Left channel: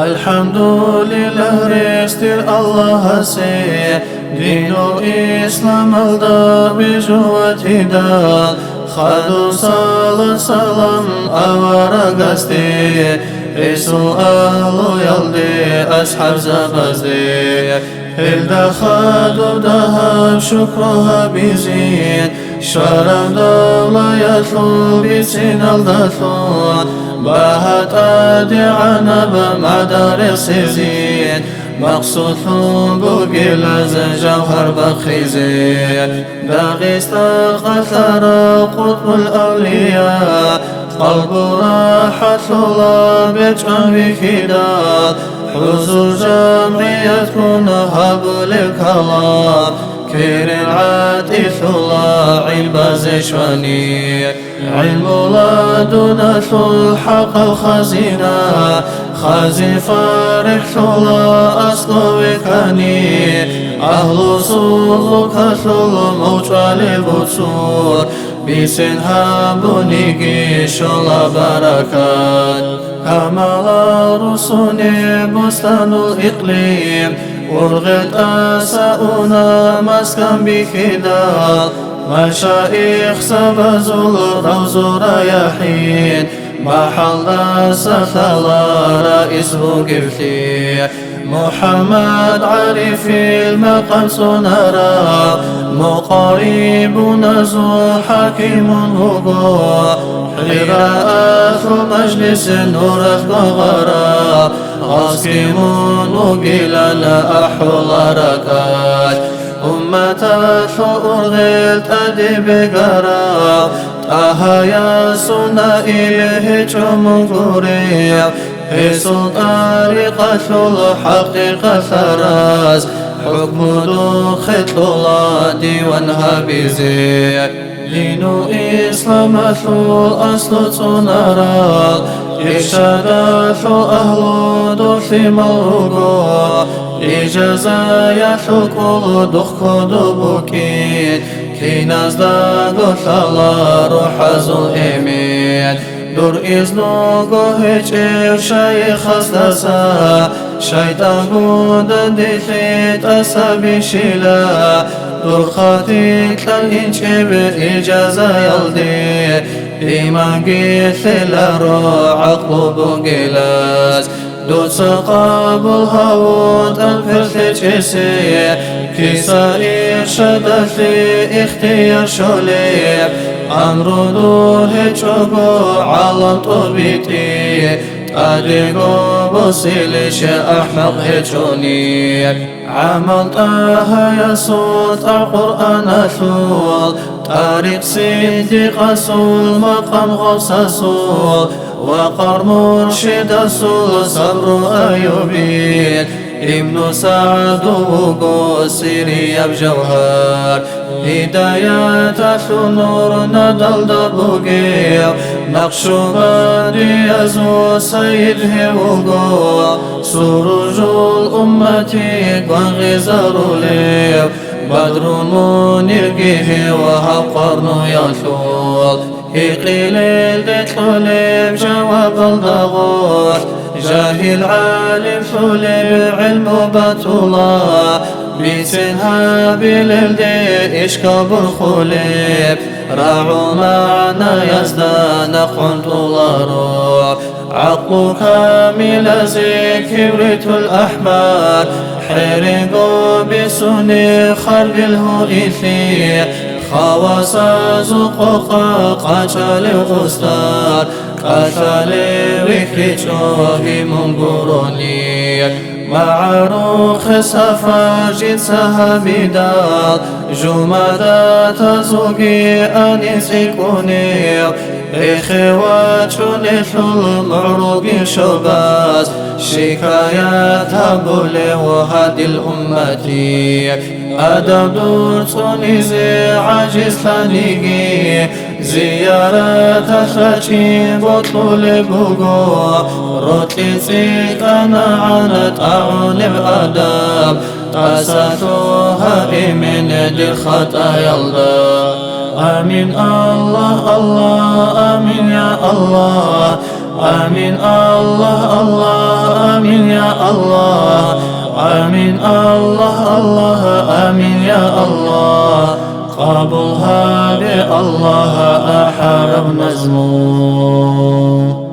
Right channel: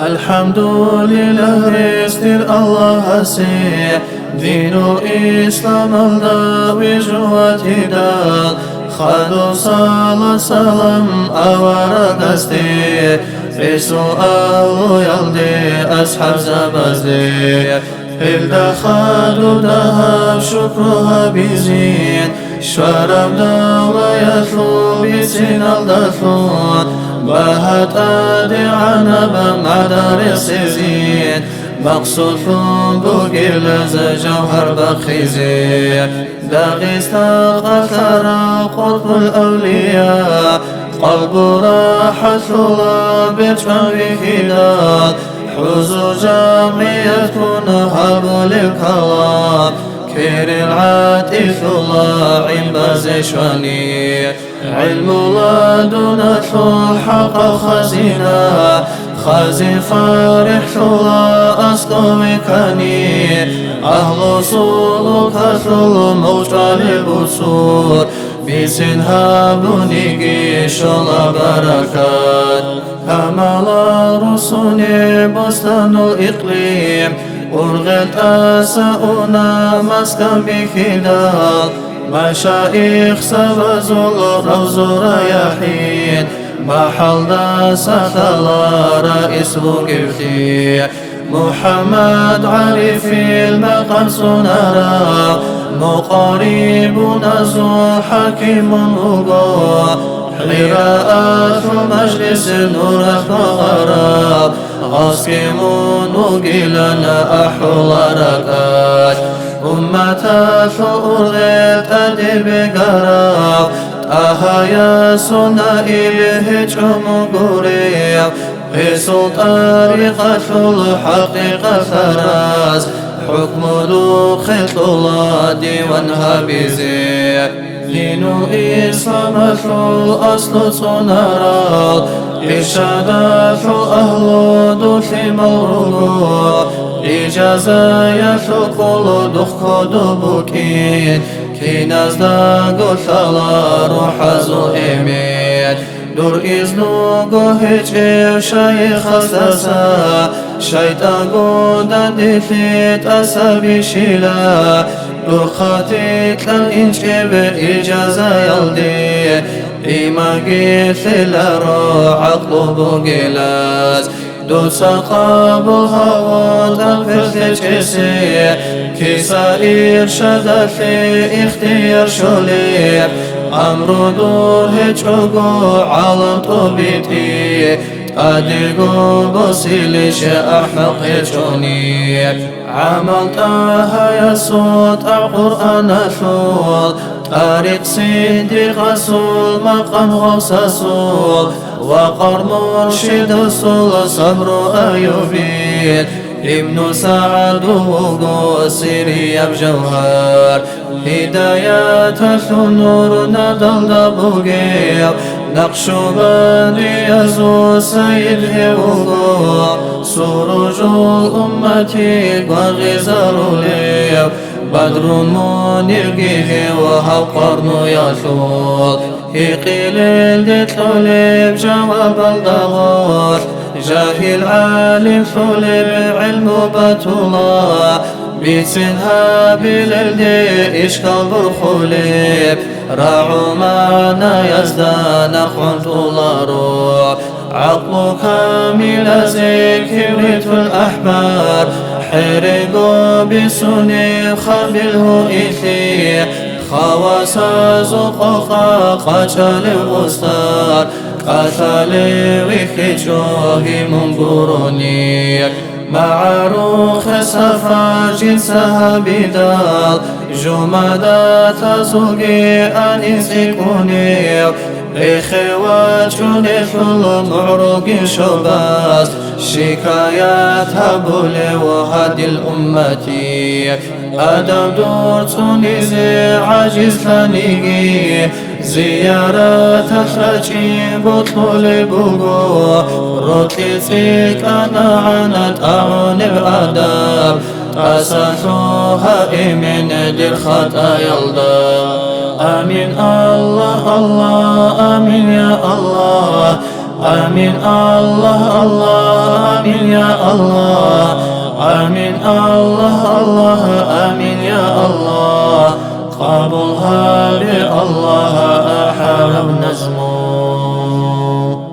الحمد لله رستر الله سي دين الإسلام الدويج وتدال خادو صلاة سلام أورقستي إسو أهل يلدي أصحاب زبزدي إلدا خادو دهب شكرها بزين شوارم دالا يثلو بسين الدثلون باهت أدعنا بمعدار السيزين مقصود بوغي لازا جوهر بخيزين داغيست قثر قطب الأولياء قلب راحة الله بجعل بخلال حضور جمعية كون هب للكلام كيرن عاتف الله عين بازشواني علم الله دون حق خزينة خازي فرح الله أسقو كاني أهل سلوك ثل موجال بصور بسنها بنيجي شلا بركات كمال رسول بستان الإقليم ورغت أساؤنا مسكن بخدال مشايخ سبزوا الروز رياحين محل سثلا رئيس بوقفتي محمد عارف المقام سنرى مقارب نزول حكيم وقوع حراءات المجلس نورت بغراب غاسكمون وقيلنا أحول ركات أمة الأرغيل تدب قراو تاها سنائي بهجم قريب في طريقة الحق ثراز حكم دخل الله ديوانها بزي دين الإسلام الأصل صنرال إرشادات أهل دث مالرقو إجازايا كل دخ دبكين كي نزدق ثلا روح زل إمين دور إذنو قهج شيخ استسا شيطان قدن دخيت أسابي شلا دور خاتيك لن إنشب إجازة يلدي إما قيث لرو عقل بقلاز دون سقاب الهوات الفرث جسي في سائر شدة في اختيار شليب أمر دور هجوغو عالم طبيتي أدقو بصيلش أحمق هجوني عملتها يا صوت القرآن ثول طريق صديق رسول مقام غوث رسول وقر مرشد رسول صبر أيوبين ابن سعد وقصيري بجوهر هدايات نور ندل دبوغيو نقش بادي يزو سيد هوغو سروج الأمة وغزار ليو بدر منير جه وهو قرن يثول هيقيل الدتلب جواب الضغار جاهل عالم ثلب علم بطلا بسنها باللدي إشكاب الخليب راعوا معنا يزدان قنت الله عقل كامل زي كبريت الأحبار حرقوا بسني خرب الهئثي خواص زقوقا قاتل أستار قاتل وكجوه منقروني معروخ سفر جنسها بدال جمادات زوجي أن سيكوني إخوات ثل معروق شباز شكايات هبول وهدي الأمة أدم دور تونسي عاجز ثانيقي زيارة خشي بطل بوغو روتي سيك أنا عنت أعون بأدب تأسسوها من دير خطا يلدب آمين الله الله آمين يا الله آمين الله الله آمين يا الله آمين الله الله آمين يا الله قبولها بالله أحرب نزمو